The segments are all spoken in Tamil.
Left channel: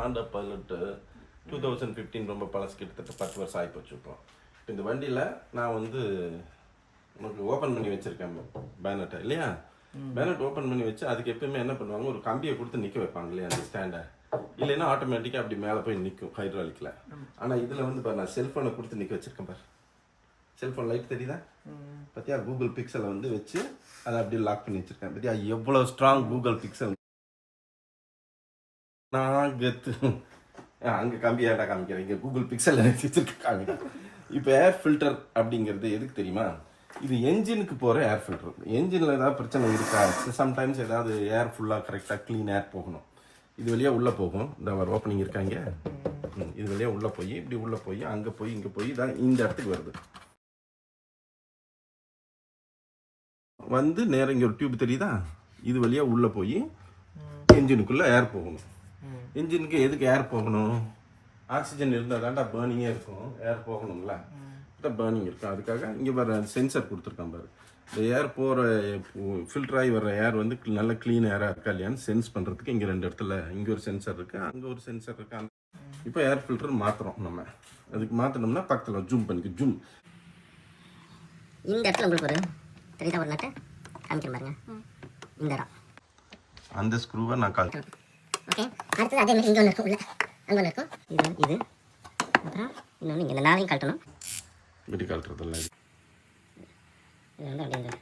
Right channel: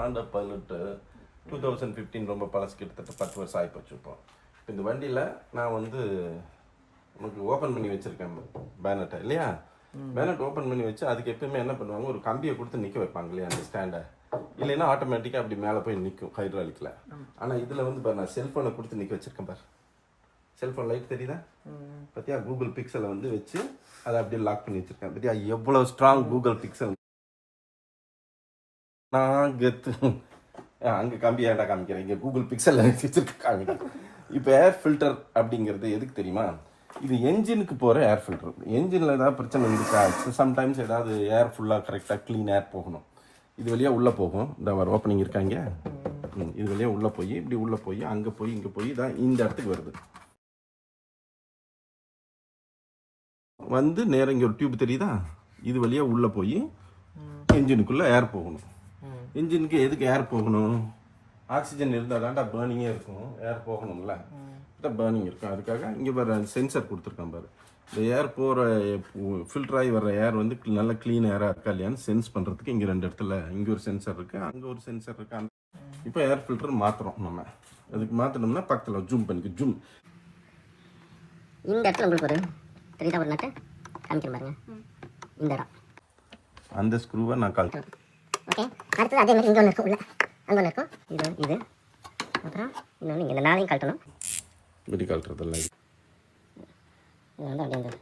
ஹாண்டா பைலட் 2015 ரொம்ப பழசு, கிட்டத்தட்ட 10 வருஷம் ஆகிப்போச்சு. இப்போ இந்த வண்டியில் நான் வந்து உனக்கு ஓப்பன் பண்ணி வச்சுருக்கேன் பேனட்டை இல்லையா. பேனட் ஓப்பன் பண்ணி வச்சு அதுக்கு எப்பவுமே என்ன பண்ணுவாங்க, ஒரு கம்பியை கொடுத்து நிற்க வைப்பாங்க இல்லையா அந்த ஸ்டாண்டை. இல்லைன்னா ஆட்டோமேட்டிக்காக அப்படி மேலே போய் நிற்கும் ஹைட்ராலிக்கில். ஆனால் இதில் வந்து பாரு, நான் செல்ஃபோனை கொடுத்து நிற்க வச்சுருக்கேன் பாரு. செல்ஃபோன் லைட் தெரியுதா பார்த்தியா? கூகுள் பிக்சலை வந்து வச்சு அதை அப்படியே லாக் பண்ணி வச்சுருக்கேன் பார்த்தியா? எவ்வளோ ஸ்ட்ராங் கூகுள் பிக்சல். நான் கெத்து அங்கே கம்பி ஏடா காமிக்கிறேன், இங்கே கூகுள் பிக்சல் எனக்கு வச்சுருக்கேன் காமிக்கிறேன். இப்போ ஏர் ஃபில்டர் அப்படிங்கிறது எதுக்கு தெரியுமா? இது என்ஜினுக்கு போகிற ஏர் ஃபில்டர். என்ஜினில் ஏதாவது பிரச்சனை இருக்கா, சம்டைம்ஸ் ஏதாவது ஏர் ஃபுல்லாக கரெக்டாக க்ளீன் ஏர் போகணும். இது வழியாக உள்ளே போகும். இந்த ஒரு ஓப்பனிங் இருக்காங்க, இது வழியாக உள்ளே போய் இப்படி உள்ளே போய் அங்கே போய் இங்கே போய் தான் இந்த இடத்துக்கு வருது. வந்து நேரம் இங்கே ஒரு டியூப் தெரியுதா, இது வழியாக உள்ளே போய் என்ஜினுக்குள்ளே ஏர் போகணும். என்ஜினுக்கு எதுக்கு ஏர் போகணும்? ஆக்சிஜன் இருந்தால் தான்டா பேர்னிங்கே இருக்கும், ஏர் போகணும்ல, பேர்னிங் இருக்கும். அதுக்காக இங்கே வர சென்சர் கொடுத்துருக்கான் பாரு. இந்த ஏர் போகிற ஃபில்டர் ஆகி வர்ற ஏர் வந்து நல்ல க்ளீன் ஏராக இருக்கா இல்லையான்னு சென்ஸ் பண்ணுறதுக்கு இங்கே 2 இடத்துல இங்கே ஒரு சென்சர் இருக்குது, அங்கே ஒரு சென்சர் இருக்குது. இப்போ ஏர் ஃபில்டர் மாற்றுறோம் நம்ம. அதுக்கு மாற்றணும்னா பக்கத்தில் ஜூம் பண்ணிக்க. ஜூம் இந்த இடத்துல உங்களுக்கு ஒரு தெரியுதா ஒரு நட்டை காமிக்கிறேன் பாருங்க. இந்த இடம் அந்த ஸ்க்ரூவை நான் கழட்டேன். ஓகே, அடுத்தது அதே மாதிரி இங்கே ஒன்று இருக்கும், உள்ள அங்கே ஒன்று இருக்கும். இது அப்புறம் இன்னொன்று இங்கே இந்த 4ஐயும் கழட்டணும். இப்படி கழட்டுறதில்ல, இது வந்து அப்படியே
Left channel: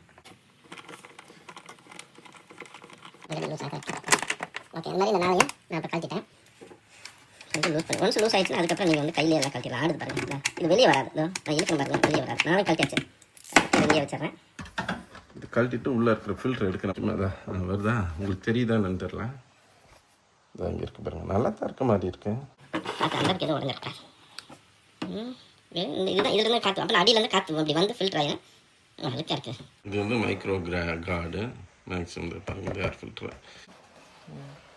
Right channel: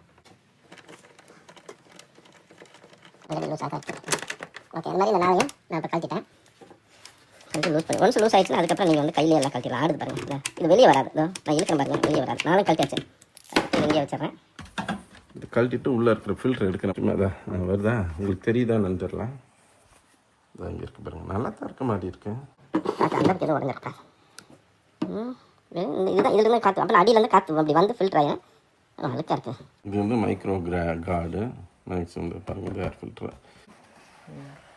ஓகே. இந்த மாதிரி இந்த 4ஐயும் நான் இப்போ கழட்டிட்டேன். கொஞ்சம் லூஸ் பண்ணி ஒன்ஸ் லூஸ் ஆகிடுச்சுன்னா அதுக்கப்புறம் நீங்கள் வந்து கையிலே எல்லாம் கழட்டிடலாம். ஆடுது பாருங்கள், இது வெளியே வராது. நான் இழுக்கிறேன் பாருங்கள், வெளியே வராது. 4 கழட்டி வச்சேன், வெளியே வச்சிடறேன். இது கழட்டிட்டு உள்ளே இருக்கிற ஃபில்டர் எடுக்கணும். அதான் வருதா உங்களுக்கு தெரியுதான்னு தெரியல. இதான் இங்கே இருக்குது பாருங்கள், நல்லா தான் இருக்க மாதிரி இருக்கு. அந்த இடத்துக்கு எதுவும் உடஞ்சிருக்கா? இதுதான் இதுலேருந்து காற்று, அப்புறம் அடியிலேருந்து காற்று அப்படி வந்து ஃபில்டர் ஆகிடும். அழுக்காக இருக்குது. இது வந்து மைக்ரோ கார்டு மேக்ஸிமம் பாருங்கள், ஏர் ஃபில்டர்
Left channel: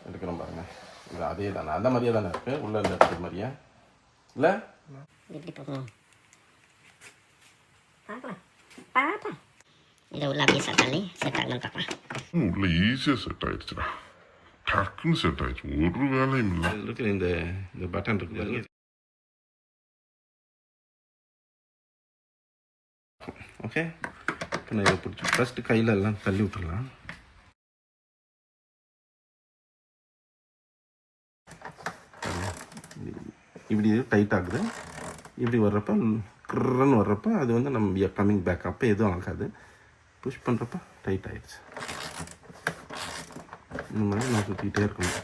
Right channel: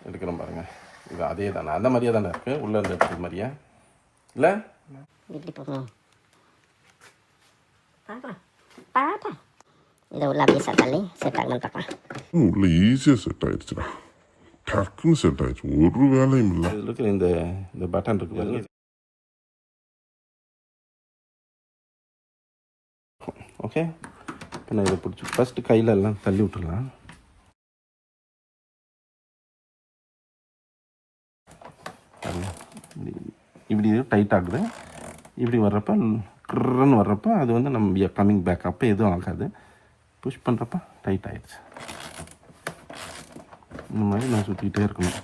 எடுக்கிறோம் பாருங்கள். இது அதே தானே, அந்த மாதிரியே தானே இருக்குது, உள்ளே இருந்த எடுக்கிற மாதிரியா இல்லை? இப்படி போகணும் பாப்பா. இதை உள்ள அப்படியே தள்ளி செட் ஆகணும்னு பார்ப்பேன். உள்ள ஈஸியாக செட் ஆகிடுச்சுடா, டக்குன்னு செட் ஆகிடுச்சு, ஒரு வேலையும் இல்லை. அதில் இருக்கிற இந்த பட்டன் இருக்கு பாருங்க. ஓகே, இப்போ நான் இதை பிடிச்சி ஃபஸ்ட்டு கையில் எல்லாம் தள்ளி விட்டுடலாம். இப்படி டைட் ஆகுது. இப்படி வர்றப்ப க்ருன்னு வர்றப்ப அது வந்து நம்ம கம்மிங் பேக், அப்போ எதுவும் ஆகாது. புஷ் பண்ணுறப்ப டைட் ஆகிடுச்சு. இந்த மாதிரி நான் சுற்றிக்கிட்டே இருக்கணும்.